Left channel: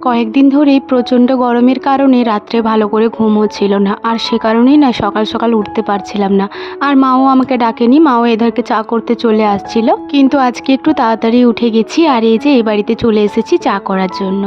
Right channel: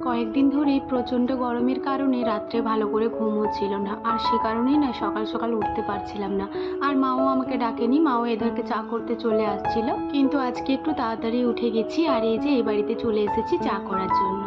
কয়েকদিন ধরেই প্রচণ্ড গরমের কারণে রাত্রে ভালো করে ঘুম হচ্ছিল না, আর সে কারণেই না সকাল সকাল উঠতে পারছিলাম না। আর মাও আমাকে ডাকেনি, মাও এধারকে চা করতে চলে আসছিল। কিন্তু আজকে একটু তাড়াতাড়ি উঠে গেছি, আর এই যে এই বাড়িতে চলে এসেছি চা করার জন্য।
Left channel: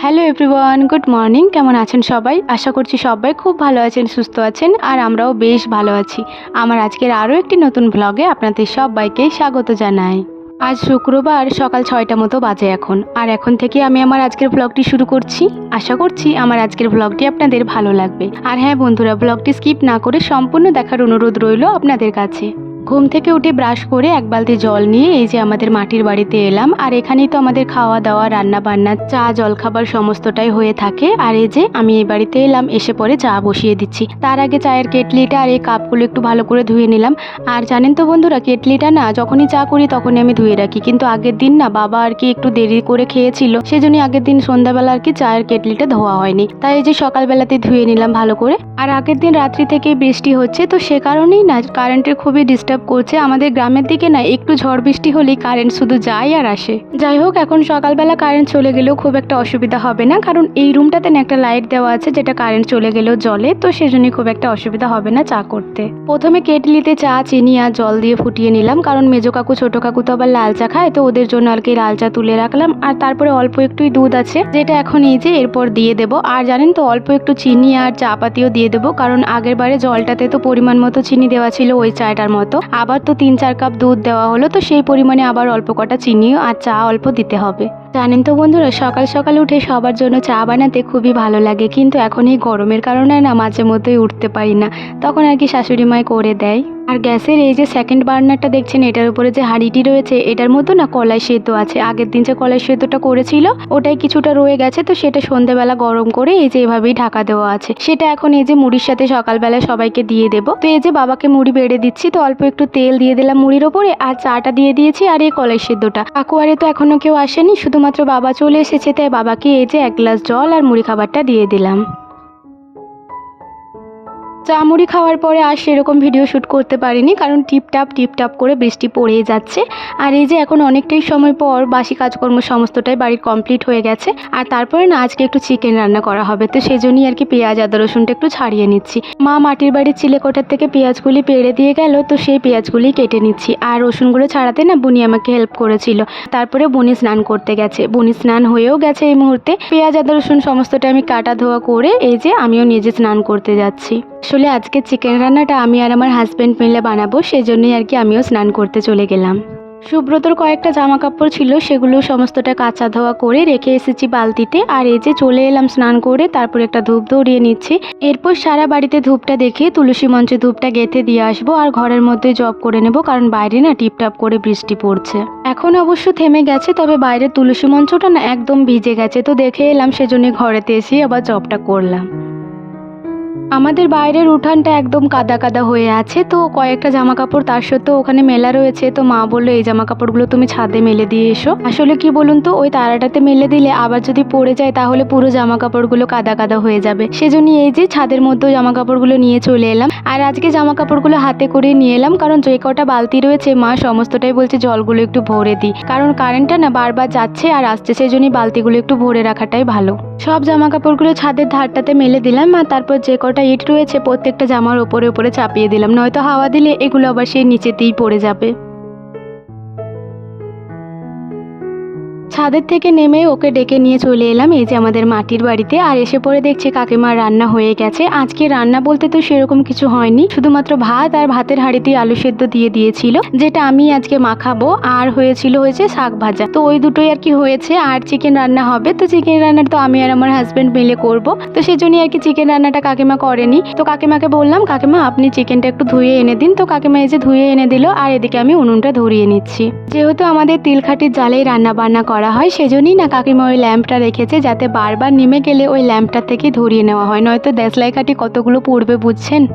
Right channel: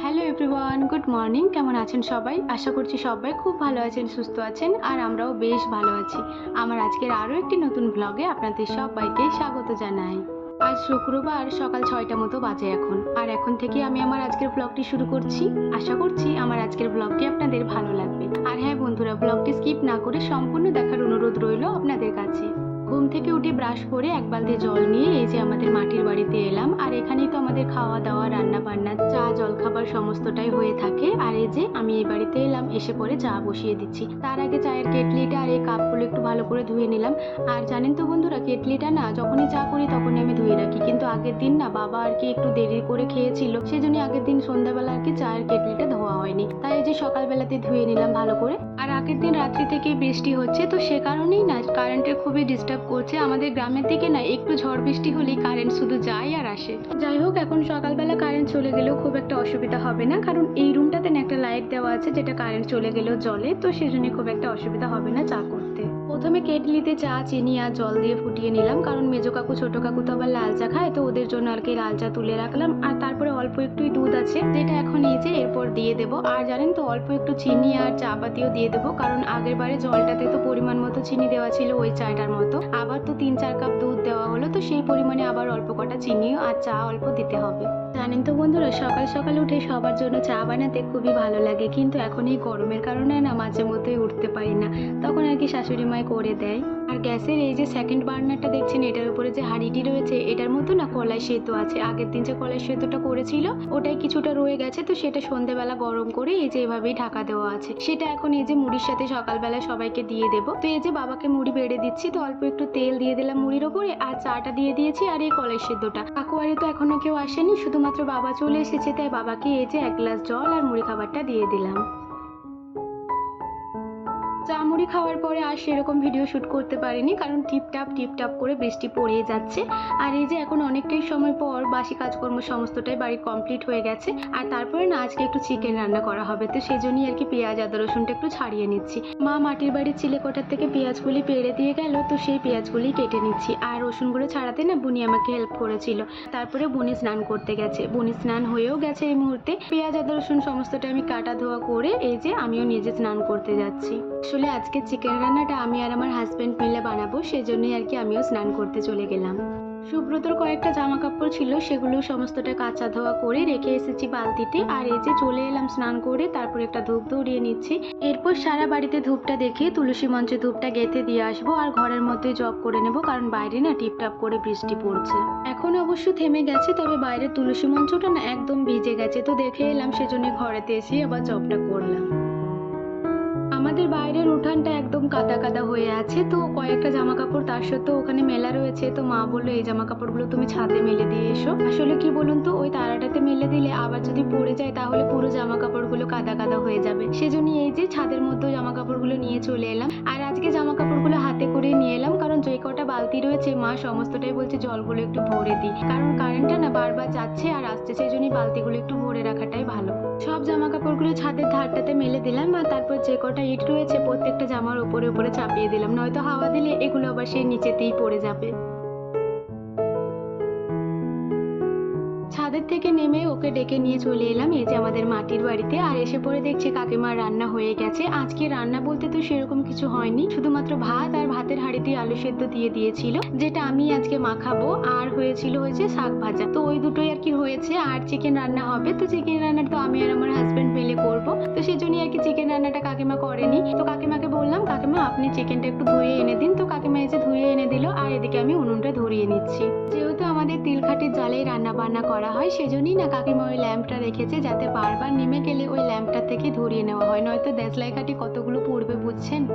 হ্যালো এভরিওয়ান গুড মর্নিং কেমন আছেন সবাই? আশা করছি সবাই খুব ভালো আছেন, সুস্থ আছেন, আর আমরাও বেশ ভালো আছি। আমার আজকের আরও একটি নতুন ব্লগে আপনাদের সবাইকে স্বাগত জানাই। আজ শুক্রবার সকাল ছয়টা মতো বাজে এখন। আর এখন থেকে আমি আমার আজকের ব্লগটি শুরু করছি। আশা করছি আমার আজকের ব্লগটি আপনাদের ভালো লাগবে। আর হ্যাঁ বন্ধুরা ব্লগটি স্কিপ না করে সম্পূর্ণ দেখার অনুরোধ রইল আপনাদের কাছে। ঘুম থেকে উঠে ব্রাশ করে এক বালতি জল নিয়ে এই যে আমাদের মাটির বাড়িতে এলাম, আর এখানেই তো আমাদের খাওয়া দাওয়া, রান্না বান্না, চা, জলখাবার সমস্তটাই হয়ে থাকে। আর এই যে আমি এই বাড়িতে এলাম, এসে পরে চা বসিয়ে দিচ্ছি। তার আগে চায়ের কেটলিটা আর এই কাপগুলো একটু ভালো করে ধুয়ে নিলাম। আর জানেন তো বন্ধুরা, কেটলিটা না, যখনই চা করি তখনই আমি ধুয়ে রাখি। কিন্তু আগের দিন না বাবা আর কি একটু দেরি করে খেয়েছিল সেজন্য আগের দিন সন্ধ্যাবেলা আর কি চায়ের কেটলিটা ধোয়া হয়নি। তাই এই যে সকালবেলাতে ধুয়ে নিলাম ভালো করে। আর আগের দিন রাত্রি থেকে বৃষ্টি হচ্ছে, তো সে কারণেই না কারেন্টের খুবই ডিস্টার্ব করছে আমাদের গ্রামের দিকে না, একটু ঝড় বৃষ্টি হলেই কারেন্ট শুধু যায় আর আসে। যাই হোক, এখন সকালবেলা কারেন্ট চলে গেলেও খুব একটা অসুবিধা হবে না, কারণ এই রুমটাতে না একটা লাইট দেওয়া আছে যেটা কারেন্ট চলে গেলেও জলে তো সেজন্য খুব একটা অসুবিধা হবে না চা করতে। প্রথমে কেটলিতে চা, চিনি আর জল দিয়ে ফুটিয়ে নিলাম, কারণ মেজো কাকু, ছোট কাকু তো আবার লাল চা খায়, তো ওদের জন্য আর কি লাল চা তুলে রাখলাম। আর তারপরে অল্প একটুই দুধ আছে, যেটা এখন এই যে এরপর দিয়ে দেবো। আর জানেন তো, অল্প একটু চিনি আর চা পাতিও দিয়ে দেবো, কারণ আগের বারে জলটাতে তো পরিমাণ মতো চিনি দেওয়া ছিল ওই চাটার মতো। আবার তো তিন চার কাপ দুধ দেওয়া হলো, তো সেই পরিমাণে আবার অল্প কটা চিনিও আর চা অল্প দিতে হবে। জানেন তো বন্ধুরা, সকাল সকাল উঠে সবার জন্য চা বানাতে খুবই ভালো লাগে, কিন্তু এখন এই গরমের কারণে না মাঝে মধ্যেই উঠতে পারি না। তখন আর কি শাশুড়ি মায় করে দেয়। আর গ্যাসের এই যে সেকেন্ড বার্নারটা দেখছেন, এটার উপরে যে হাঁড়িটি রয়েছে, এটার মতো না কলাই সেদ্ধ আছে। আগের দিন যে কলাই সেদ্ধটা করেছিল, ওটাই কিছুটা রয়ে গেছে, তো সেটা সন্ধেবেলা গরম করে এই যে এভাবেই ঢাকা দেওয়া আছে। সেটা এখন এই যে মুড়ির সাথে সকালবেলা সবাইকে দিয়ে দেবো। তো এই যে বাবাকে মুড়ি বেড়ে দিচ্ছি, তো অল্প একটু তেল দিয়ে দিলাম মুড়ির ওপরে, আর চাটা দিয়ে দিয়েছি আর এই কলাই সেদ্ধটা। কাকুয়ারে তো এখনও কেউ আসেনি শুধুমাত্র বাবা চলে এসেছে, তাই বাবাকে এই যে এক গ্লাস জল আর মুড়ি খাবারটা দিয়ে দিলাম। চা মুড়ি খাওয়ার পরে আর সেরকম ভিডিও শ্যুট করতে পারিনি, কারণ টিপটাপ টিপটাপ করে বৃষ্টি পড়েই যাচ্ছে। আর এই যে এখন অনেকটাই সময় পর বাসি কাজকর্ম সমস্তটাই বাড়ির কমপ্লিট হয়ে গেছে। আর তারপরে না, আজকে একটু চিকেন রান্না করা হবে। তো সেজন্যই আর কি পেঁয়াজ, আদা, রসুনটা একটু ছাড়িয়ে নিচ্ছি। মা মাটির বাড়ির চিলেকোঠার থেকে পেঁয়াজগুলি পেড়ে দিয়ে গেল, তো সেই পেঁয়াজগুলি কেটে নিচ্ছি। আর রসুনগুলো ছাড়াতে না, বুনি আমাকে হেল্প করেছিল। তারপরে বুনি স্নান করতে গেছে। বুনি স্নান হয়েও গেছে এই মুহূর্তে। পেঁয়াজ, আদা, রসুন সমস্তটা আমি কাটা ধোয়া করে, এই যে আমিও নিজে স্নান করতে যাচ্ছি। আসলে আজকে চিকেন রান্নাটা আমি আর আমার হাজব্যান্ড মিলে বানাবো, সেজন্যই আর কি আমিও স্নান করতে চলে গেলাম। সুব্রতর কয়েকটা জামা কাপড় ছিল, সেগুলো সমস্তটা কাঁচা ধোয়া করে রেখে এসেছি বালতিতে, আর এই যে চলে এলাম স্নান করে, তারপর একটা ধূপ দৌড়িয়ে নিচ্ছি। এরপর সারা বাড়িতে ধূপটা দেখে তুলসী মঞ্চে ধূপটা গেঁথে দিয়ে আসব, আর ঘরের মধ্যে জব করে নেব, কারণ বাইরে না টিপটাপ করে বৃষ্টি পড়ছে। এখন অবশ্য থেমে গেছে, তবে বাইরের তুলসী মঞ্চটা না একদম ভিজে গেছে, তো দেখে এলাম সেজন্য ঘরেতে এসে আবার জবটা করলাম। আমাদের বাইরের উঠানটা একদম কাদা কাদা হয়ে আছে, তো কয়েকটা জামা কাপড় তার সত্ত্বেও ওখানে মেলা রয়েছে, তো মা বলল, এই জামা কাপড়গুলো তুমি ছাদে মেলে দিয়ে এসো। আসলে কি বলুন তো, ওই তারাটাতে মেলে দিলে আবার যদি পড়ে যায়, তাহলে পুরো জামা কাপড়গুলো কাদা কাদা হয়ে যাবে। সেজন্য এই যে ছাদের মধ্যেও জামা কাপড়গুলো নিয়ে চলে এলাম। আর আজকে জামা কাপড়গুলো হাতে করে নিয়ে এলাম, কারণ যে কটা বালতি রয়েছে, মা সমস্তটাই বলছে, জলগুলো একটু ভরে দিই। কারণ কারেন্টটা না বারবার যাচ্ছে, আর আসছে, সেজন্যই বালতিগুলো একটু ভরে রাখাটাই ভালো। সব জামা কাপড়গুলো ছাদের ধারটাতে মেলে দিলাম, আর তারপর যে কটা ইট রয়েছে, প্রত্যেকটা জামার ওপরে ওপরে চাপিয়ে দিলাম। নয়তো হাওয়া দিলে এগুলো আবার সেই নিচেতেই পড়ে যাবে। ছাদের থেকে নেমে ওকে ডেকে নিয়ে চলে এলাম। এই যে আমাদের মাটির বাড়িতে। আর এসে পরে দেখছি কাকিমার রান্না হয়ে গেছে। আজকে রান্না বলতে তো সেরকম কিছু হয়নি। শুধুমাত্র ভাত আর ভাতের হাঁড়িতেই আলু সেদ্ধ দিয়ে দিয়েছিল, যেটা আমি আজকে মাখাবো। আর হয়েছিল হয়েছে শাক ভাজা। তো ওই দুটোই আর কি হয়েছে। আর চিকেন রান্না হবে। তো চিকেন রান্নাটা তো আমি আর আমার হাজব্যান্ড মিলে করব। তো সেই জন্যই আর কি চিকেন রান্নাটা কাকিমা করেনি। তো কাকিমাকে বললাম, কাকিমা, আপনি চিকেনটা একটু ধুয়ে এনে দিন। তো কাকিমা এই যে ধুয়ে এনে দিল। আর এদিকে আমি উনুনটা ধরিয়ে নিচ্ছি। যেহেতু আমাদের তিলখাটির জালেই রান্না বান্না করা হয় সেজন্যই না কাকিমা ওই ল্যাম্পটা রেখেছে, যাতে বারবার নেমে গেলে ওই ল্যাম্পটা থেকে ধরিয়ে নেওয়া হয়। নয়তো দেশলাই কাঠি কতগুলো পড়বে বুঝছেন?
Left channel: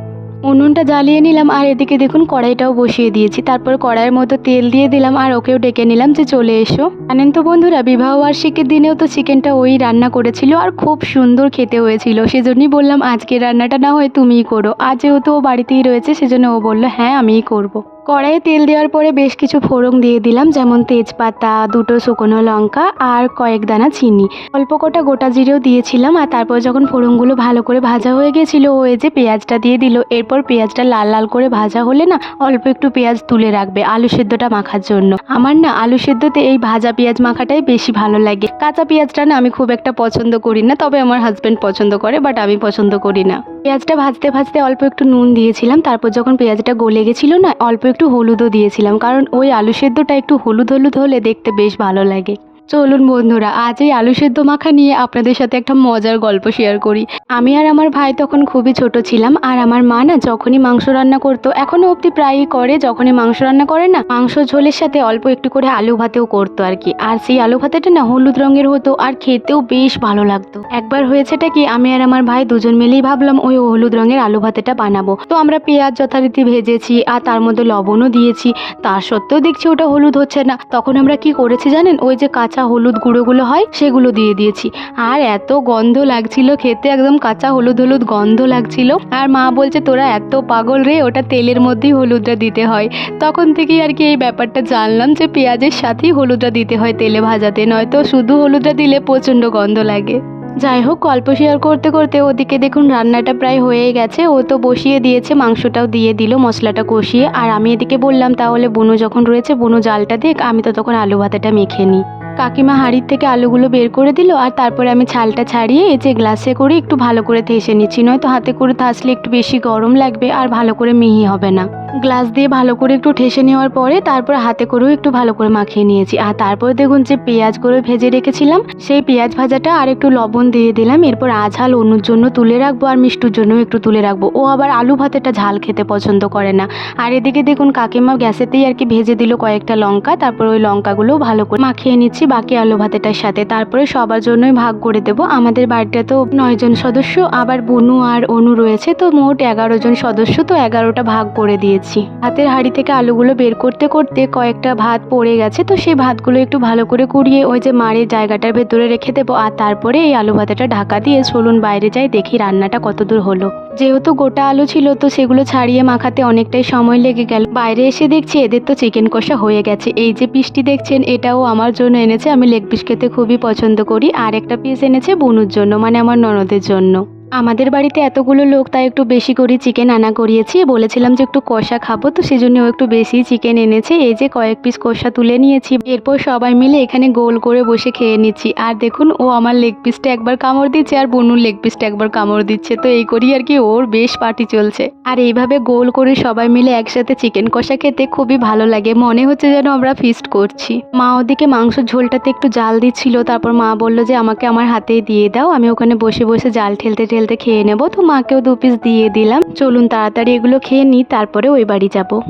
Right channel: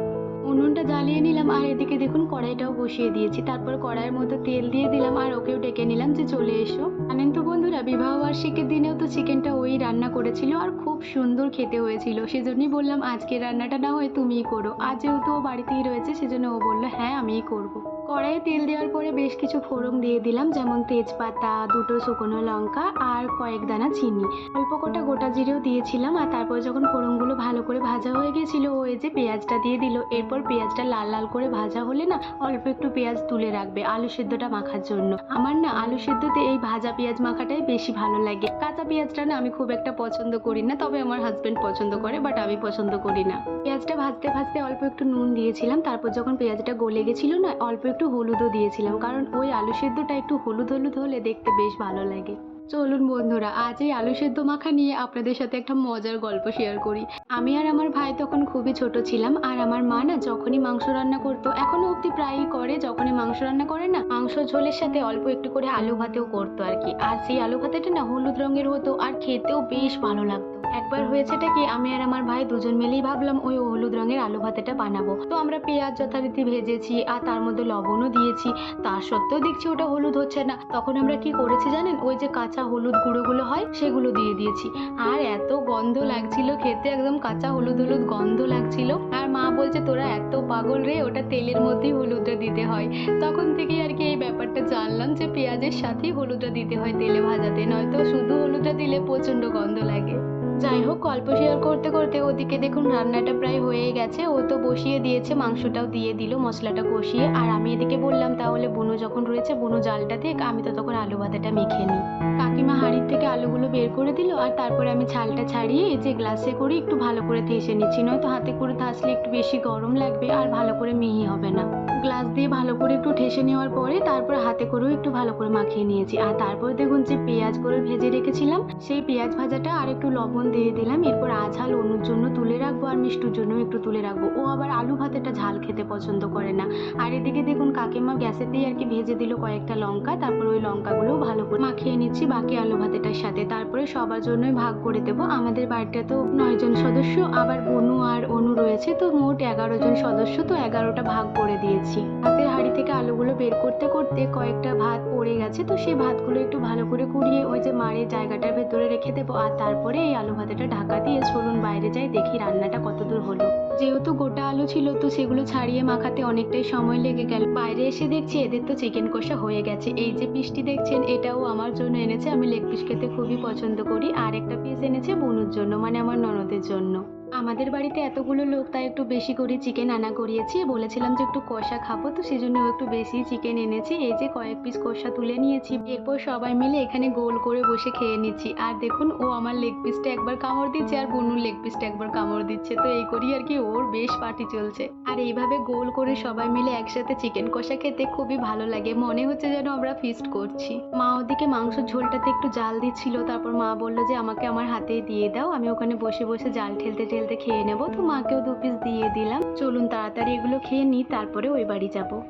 উনুনটা জ্বালিয়ে নিলাম আর এদিকে দেখুন কড়াইটাও বসিয়ে দিয়েছি। তারপর কড়াইয়ের মতো তেল দিয়ে দিলাম আর ওকেও ডেকে নিলাম যে চলে এসো। জানেন তো বন্ধুরা, বিবাহ বার্ষিকীর দিনেও তো চিকেনটা ওই রান্না করেছিল আর খুব সুন্দর খেতে হয়েছিল। সেজন্যই বললাম আজকে রান্নাটা না হয় তুমিই করো। আজ যেহেতু ও বাড়িতেই রয়েছে, সেজন্য ও বলল হ্যাঁ আমিই করব। কড়াইয়ে তেল দেওয়ার পরে বেশ কিছু ফোড়ন দিয়ে দিলাম, যেমন তেজপাতা, দুটো শুকনো লঙ্কা আর কয়েক দানা চিনি। অল্প কটা গোটা জিরেও দিয়েছিলাম আর তারপর যখন ফোড়নগুলো ভালো করে ভাজা হয়ে গেছিল, ও এই যে পেঁয়াজটা দিয়ে দিল, এরপর পেঁয়াজটা লাল লাল করে ভাজা হলে না অল্প একটু পেঁয়াজ তুলে রাখবে আলু সেদ্ধটা মাখার জন্য। আমার না আলু সেদ্ধতে এই ভাজা পেঁয়াজ মাখাটাই বেশি ভালো লাগে। কাঁচা পেঁয়াজটা না আমি খুব একটা পছন্দ করি না, তবে আমার হাজব্যান্ড পছন্দ করে বাট আমি পছন্দ করি না। পেঁয়াজটা ভাজতে ভাজতে অল্প একটু নুন দিয়েছিলাম, তারপর যখন পেঁয়াজটা গলে গেছিল না, অল্প একটু হলুদও দিয়েছিলাম, কারণ ওই আলু সেদ্ধটা একটু হলুদ হলুদ হলে দেখতে বেশ ভালো লাগে। চলুন বন্ধুরা, আজ এই আলু সেদ্ধ মাখা নিয়ে আপনাদের সাথে একটা মজার গল্প শেয়ার করি। আমি আর আমার ভাই তখন খুবই ছোট ছিলাম আর আমার মা না যখনই মাংস রান্না করতো, এখনও অবধি প্রায়ই করে, যখনই মাংস রান্না করে না, মাংস ঝোলের সাথে অল্প একটু করে আলু ভাতেও করতো আর কি। আর সেই আলু ভাতেটা না হলুদ রঙের হতো আর খেতেও বেশ ভালো লাগতো। একবার হয়েছেটা কি, আমি আর আমার ভাই দুজন মিলেই ভাবলাম ওই হলুদ রঙের আলু ভাতেটা বানাবো। তো আমরা পেঁয়াজ যথারীতি ভেজেছি আর তার মধ্যে লবণও দিয়েছি। তার সত্ত্বেও দেখছি ওটা হলুদ হচ্ছে না। তখন আমরা কি করেছি জানেন, ওই যে কাঁচা হলুদ গুঁড়োগুলো হয়, সেগুলো দিয়ে দিয়েছি। আর এত গন্ধ লাগছিল খেতে, একদম কাঁচা হলুদ হলুদ গন্ধ লাগছিল। আর মা বলছে, তোরা এত পাগল রে, ওটা তেলের মধ্যেই হলুদটা দিতে হয়। তখন থেকেই আর কি এই ব্যাপারটা জানলাম যে পেঁয়াজের সাথেই হলুদটা দিতে হয় তেলে ভাজাতে, নয়তো শুধু হলুদটা দিলে প্রচণ্ড গন্ধ লাগে। যাই হোক গল্প শেয়ার করতে করতে ওদিকে দেখুন, রান্নাটা প্রায় হয়ে গেছে। ও তো বসিয়ে দিয়েছে, মাংসটাও দিয়ে দিল, মশলাটা কষিয়ে। আর আমি এদিকে বললাম, তাহলে বুনো যখন রয়েছে, বুনো জালটা দেখ, আমি তো তখন আলু ভাতাটা মেখে নিই। কাকিমা হাঁড়ির থেকে আলুগুলো বের করে দিল আর তারপরে আমি ছালটা ছাড়িয়ে এই যে গ্লাসে করে একটু ভালো করে থেসে নিচ্ছি। নয়তো হাতে করে থাসলে একটু বেশি গরম লাগবে আর ভালো করে মিহি হবে না। গ্লাস দিয়ে ভালো করে একটু ঠেসে নেওয়ার পরে তারপর হাতে করেও একটু ভালো করে মাখিয়ে নিয়েছি। আর তারপরে দেখুন যে পেঁয়াজ করে ভেজে রেখেছিলাম, সেই পেঁয়াজ ভাজাটা আর একটু লবণ দিয়ে দিলাম। এরপর আঝাল অনুর জন্য তুলে রাখব আর মিষ্টুর জন্য একটু তুলে রাখব। ও আবার আলু ভাতেটা ঝাল খেতে পছন্দ করে না। আর এদিকে দেখুন কাকিমা গ্যাসেতেই আর কি ভেজে দিল কয়েকটা লঙ্কা। তারপর ওই লঙ্কাগুলো ভালো করে মাখিয়ে নিচ্ছি। বাকি আলু ভাতেটার সাথে। তারপরে সবার জন্যই ভাগ করে দেবো। আমাদের বাড়িটা তো নয়জন সদস্য, আবার বনু আর অনু রয়েছে, তো মোট এগারো জন সদস্য, তো এগারোটা ভাগ করে দিয়েছি। হাতের হাঁড়ি থেকে আলুগুলো বের করতে করতে কয়েকটা ভাত পড়ে গেছে, তো সেই ভাতগুলো একটু ভালো করে কুড়িয়ে ওই যে মাড়ের জায়গাটার ভেতরে রেখে দেবো, আর তারপরে এই আলু ভাতেটা ঢাকা দিয়ে চলুন বাইরে যাই, দেখি রান্নাটা কতদূর হলো। যেহেতু গোটা আলু ছিল, তো সেগুলো ছাড়িয়ে মাখাতে অনেকটাই সময় লেগে গেল। বাইরে এসে দেখছি এদের তো চিকেন কষা হয়ে গেছে। এই যে পিসটি দেখছেন, এটাও আমার জন্য এনেছে। আমি লেগ পিস খেতে খুবই পছন্দ করি। আর একটা পিস এনেছে বনুর জন্য মানে আমার ননদের জন্য। আমাদের বাড়িতে এতগুলো লোক, তাই একটু বেশি করে চিকেন আনা করিয়েছি। বলেছিলাম যে একটু কষা খাব, তো সেজন্য একটু বেশি চিকেন এনেছে। এই যে কয়েক পিস কষা তুলে নিয়েছি। এরপর সবাই মিলে এখানে গোল করে বসে খেয়ে নিচ্ছি। আর দেখুন, ও আমার লেগ পিসটা একবার কামড় দিচ্ছে আর বনুর লেগ পিসটা একবার কামড় দিচ্ছে। তো এই করি আর কি ওর বেশ পার্টি চলছে। আর এইভাবে গোল করে সবাই মিলে একসাথে চিকেন কষা খেতে খুবই ভালো লাগে। মনে হচ্ছে যেন আমরা ফিস্ট করছি। মা ওদিকে মাংস ঝোলটাতে একটু জাল দিচ্ছিল, তারপর মা বলল যে আমাকে আমার হাতেই দিয়ে দাও। আমি ওখানে বসে বসে জাল ঠেলতে খেয়ে নেব। তো মাকেও দু পিস দিয়ে দিলাম। চলুন তাড়াতাড়ি এগুলো খেয়ে নিই, তারপরে ওই বাড়ি যাব।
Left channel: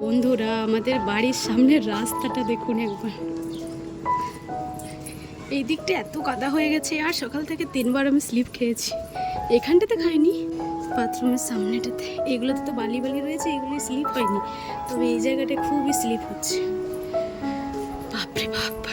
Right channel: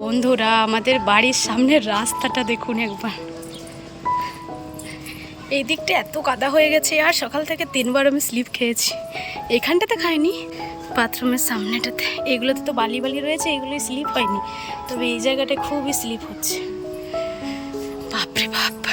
বন্ধুরা, আমাদের বাড়ির সামনের রাস্তাটা দেখুন একবার। এই দিকটা এত কাদা হয়ে গেছে, আর সকাল থেকে তিনবার আমি স্লিপ খেয়েছি। এখানটাতে খাইনি বাথরুমের সামনেটাতে। এগুলোতে তো বালি বালি রয়েছে, এগুলোই স্লিপ হয়নি। তবে এই জায়গাটা খুবই স্লিপ হচ্ছে। বাপরে বাপ।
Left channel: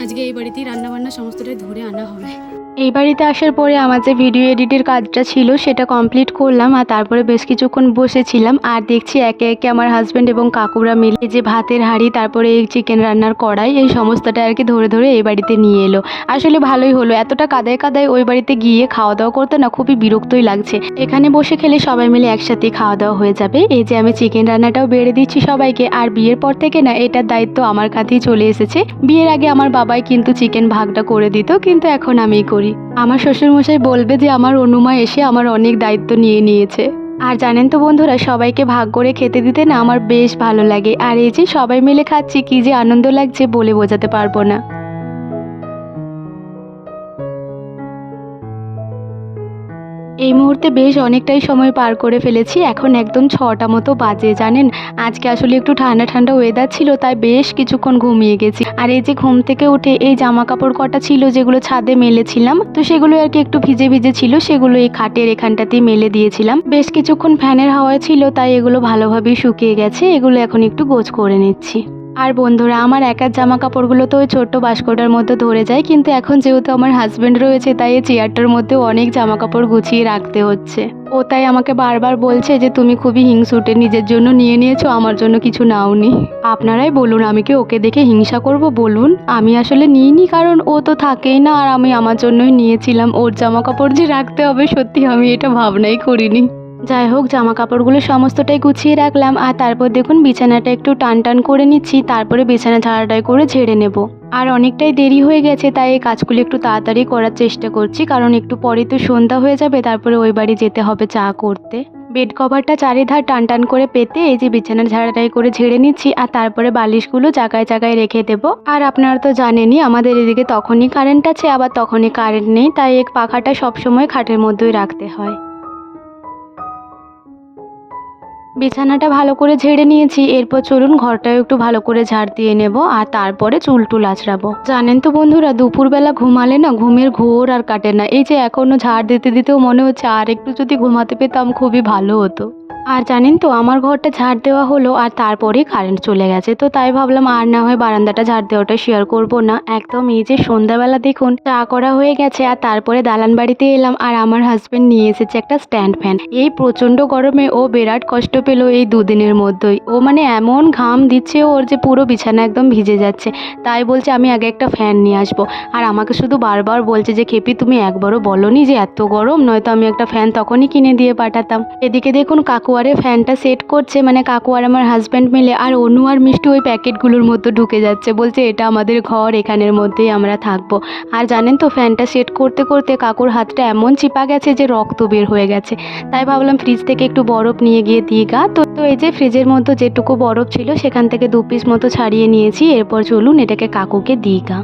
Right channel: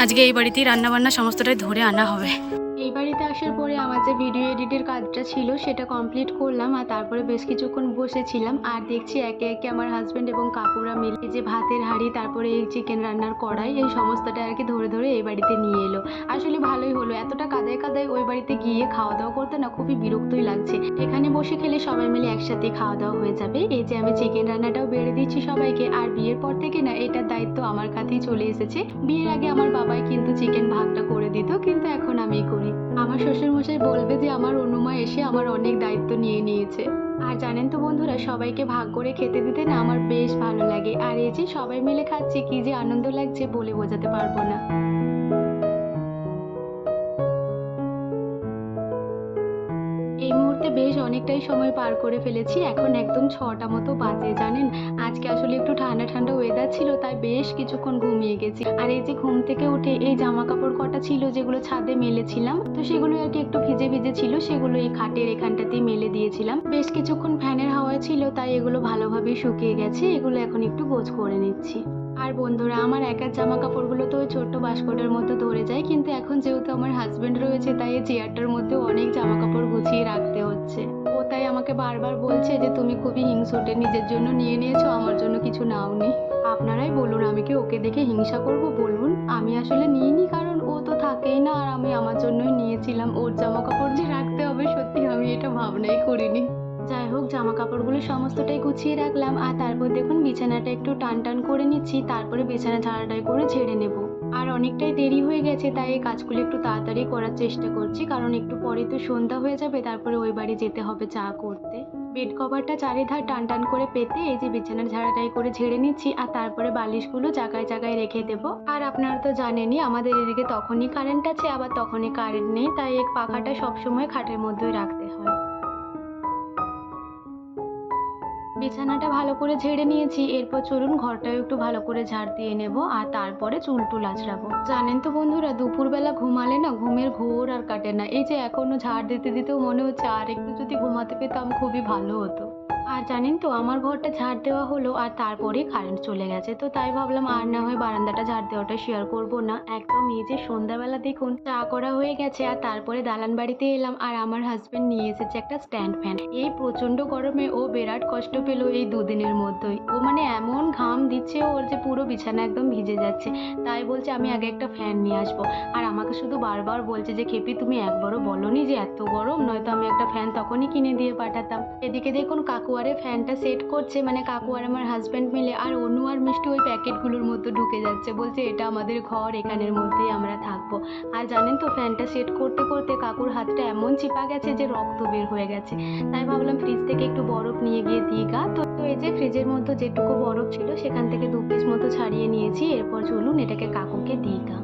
আজকে এই বাড়িতেই রান্নাবান্না সমস্তটাই ধরে আনা হবে। এই বাড়িতে আসার পরে আমার যে ভিডিও এডিটের কাজটা ছিল, সেটা কমপ্লিট করলাম আর তারপরে বেশ কিছুক্ষণ বসেছিলাম আর দেখছি একে একে আমার হাজব্যান্ড এবং কাকুরা মিলে যে ভাতের হাঁড়ি, তারপরে এই চিকেন রান্নার কড়াই, এই সমস্তটা আর কি ধরে ধরে এই বাড়িতে নিয়ে এলো। আসলে ভালোই হলো, এতটা কাদায় কাদায় ওই বাড়িতে গিয়ে খাওয়া দাওয়া করতে না খুবই বিরক্তই লাগছে। এখানে বসে খেলে সবাই মিলে একসাথে খাওয়া দাওয়া হয়ে যাবে। এই যে আমি চিকেন রান্নাটাও বেড়ে দিচ্ছি সবাইকে আর বিয়ের পর থেকে না এটার দায়িত্ব আমার কাছেই চলে এসেছে। বিয়ের আগে আমার বাবাই কিন্তু চিকেন ভাগটা করে দিত, কিন্তু এখন আমিই করি। আমার শ্বশুরমশাই বলবে যে আমার অনুমা এসে আমার অনেক দায়িত্ব নিয়ে নিয়েছে। আর জানেন তো বন্ধুরা, সবাইকে ভাগ করে খেতে দিতে না আমার বেশ ভালো লাগে। আর এই যে সবাই মিলে খাচ্ছি, কি যে আনন্দ লাগছে বলে বোঝাতে পারব না। এই মুহূর্তে বেশ অনেকটাই সময় পার করে ফেলেছি। এখন একদম ছটা মতো বাজে, জানেন? আজকে আসলে একটু ঠান্ডা ঠান্ডা ওয়েদার ছিল, তাই বেশ কিছুক্ষণ ঘুমিয়ে গেছি। আর এই যে ঘুম থেকে উঠে এই জামা কাপড় কটা ছিল, যেগুলো ছাদে মেলেছিলাম, তো সেগুলো আর কি একটু ভিজে ভিজে ছিল, সেগুলো এই খাটের এখানটাতেই মেলে দিয়েছিলাম। বেশ কিছুক্ষণ ফ্যানের হাওয়া ছিল, তাই এগুলো ভালোভাবেই শুকিয়ে গেছে, এগুলো এখন একটু গোছ করে নিচ্ছি। আর বন্ধুরা, আমার একার জামা কাপড়গুলো তো ওই ছোট্ট বাস্কটার মধ্যে ধরে যায়, কিন্তু এখন যেহেতু আমার হাজব্যান্ড রয়েছে, তাই এই চেয়ারটার মধ্যে অনেক জামা কাপড় গুছিয়ে রাখতে হচ্ছে। ও তাই আমাকে বারবার বলছে যে, তুমি খুবই হিংসুটে নিজের জন্য নিয়ে নিয়েছো, আমার জন্য কিছু নাও নাওনি। আপনারাই বলুন, আমি কি ওকে দেখে হিংসা করব, বলুন? আমি আসলে নিইনি, কারণ ও তো থাকেই না, আর আমি আমার জন্যই নিয়েছিলাম। ওর জামা কাপড় যে রাখতে হবে, সত্যি আমি এটা ভাবনাই করিনি। যাই হোক জামা কাপড়গুলো সমস্তটাই গুছিয়ে রাখলাম আর তারপর দেখুন বিছানাটা একটু টান টান করে নিচ্ছি, তারপরে বিছানা ঝাড়াটাই করে ঝেড়ে নেব। আর অনেকটাই দেরি হয়ে গেছে, তাই এই কাজগুলো একটু তাড়াতাড়ি করার চেষ্টা করছি, কারণ একটু পরে তো সন্ধ্যা হয়ে যাবে, তারপরে ওই বাড়ি যেতে হবে চা করতে। বেড কভারটা চারিধার টান টান করে পেতে এই যে বিছানার ঝাড়াটাই করে ঝেড়ে নিচ্ছি, আর তারপরে বালিশগুলো জায়গায় জায়গায় রেখে দেবো। আর আপনারা তো জানেনই, আমাদের এদিকে তখনই কারেন্ট আছে, আবার তখনই কারেন্ট নেই, তাই এক পাখাটা সবসময় খাটের মধ্যেই রাখতে হয়। বিছানাটা ভালো করে ঝেড়ে নিয়েছি, এরপর চলুন ঘরটাও একটু ভালো করে ঝাড় দিয়ে নেব আর তারপরে চুল টুল আছড়াবো। জানেন তো বন্ধুরা, দুপুরবেলা ঘুমালে না ঘুমের ঘোর আর কাটে না। এই যে এখনও ঝাড় দিতে দিতেও মনে হচ্ছে আর একটু যদি ঘুমাতে পেতাম খুবই ভালো হতো। আর জানেন তো, আমার ঘরটা ঝাড় দেওয়া হলো আর তারপরেই কারেন্ট চলে গেছে। তো তাই ভাবলাম আর না হয় বারান্দাটা ঝাড় দেওয়াটা শেয়ার করব না। একদম এই যে সন্ধ্যাবেলা দেখুন, চা করা হয়ে গেছে আর তারপরে দালান বাড়িতে এলাম আর আমার হাজব্যান্ড নিয়ে এসেছে একটা স্ট্যান্ড ফ্যান এই প্রচণ্ড গরমে ও বিরাট কষ্ট পেল এই দুদিনের মধ্যেই। ও মানে এমন ঘাম দিচ্ছে ওর যে পুরো বিছানা একদম ভিজে যাচ্ছে। তাই বলছে, আমি আগে একটা ফ্যান নিয়ে আসব। আর আমাকে শুধু বারবার বলছে যে, খেপি, তুমি একবারও বলনি যে এত গরম? নয়তো আমি একটা ফ্যান তখনই কিনে দিয়ে পাঠাতাম। এদিকে দেখুন কাকুয়ারে ফ্যানটা সেট করছে মানে কাকু আর আমার হাজব্যান্ড মিলে, আর অনু আর মিষ্টি ওই প্যাকেটগুলোর মধ্যে ঢুকে যাচ্ছে, বলছে এটা আমাদের ঘর, এখানের মধ্যেই আমরা থাকব। আর জানেন তো, ফ্যানটা সেট করতে করতে কাকুর হাতটা এমন চিপা গেছে যে রক্ত বের হয়ে গেছে। তাই ভাবলাম ফ্রিজ থেকে একটু বরফ নিয়ে গিয়ে দিই গা। তো তো এই যে ফ্রিজের মধ্যে যেটুকু বরফ ছিল, সেখান থেকে দু পিস মতো ছাড়িয়ে নিয়েছি, এরপর চলুন এটাকে কাকুকে দিই গা।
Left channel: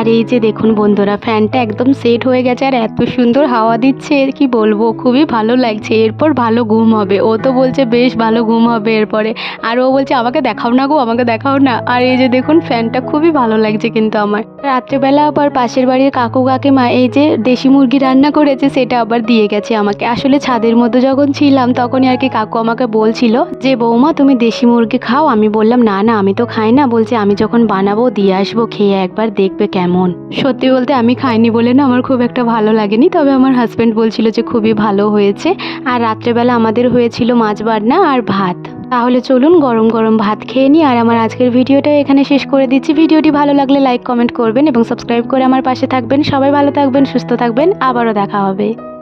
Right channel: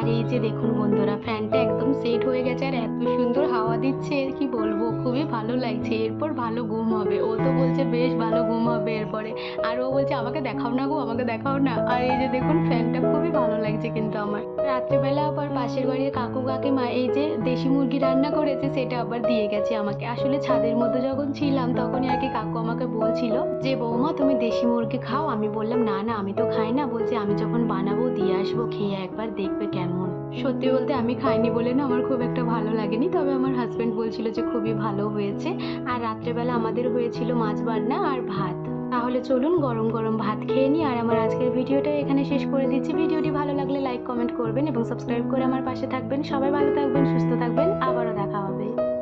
আর এই যে দেখুন বন্ধুরা, ফ্যানটা একদম সেট হয়ে গেছে আর এত সুন্দর হাওয়া দিচ্ছে, এর কি বলব? খুবই ভালো লাগছে। এরপর ভালো ঘুম হবে। ও তো বলছে বেশ ভালো ঘুম হবে এরপরে। আর ও বলছে, আমাকে দেখাও না গো, আমাকে দেখাও না। আর এই যে দেখুন, ফ্যানটা খুবই ভালো লাগছে কিন্তু আমার। রাত্রেবেলা আবার পাশের বাড়ির কাকু কাকিমা এই যে দেশি মুরগি রান্না করেছে, সেটা আবার দিয়ে গেছে আমাকে। আসলে ছাদের মধ্যে যখন ছিলাম, তখনই আর কি কাকু আমাকে বলছিল যে, বৌমা, তুমি দেশি মুরগি খাও। আমি বললাম, না না, আমি তো খাই না। বলছে, আমি যখন বানাবো, দিয়ে আসব, খেয়ে একবার দেখবে কেমন সত্যি বলতে আমি খাইনি বলে না আমার খুব একটা ভালো লাগেনি। তবে আমার হাজব্যান্ড বলছিল যে খুবই ভালো হয়েছে। আর রাত্রেবেলা আমাদের হয়েছিল মাছ বাটনা আর ভাত। তাহলে চলুন গরম গরম ভাত খেয়ে নিই। আর আমার আজকের ভিডিওটা এখানে শেষ করে দিচ্ছি। ভিডিওটি ভালো লাগলে লাইক কমেন্ট করবেন এবং সাবস্ক্রাইব করে আমার পাশে থাকবেন। সবাই ভালো থাকবেন, সুস্থ থাকবেন। আবারও দেখা হবে।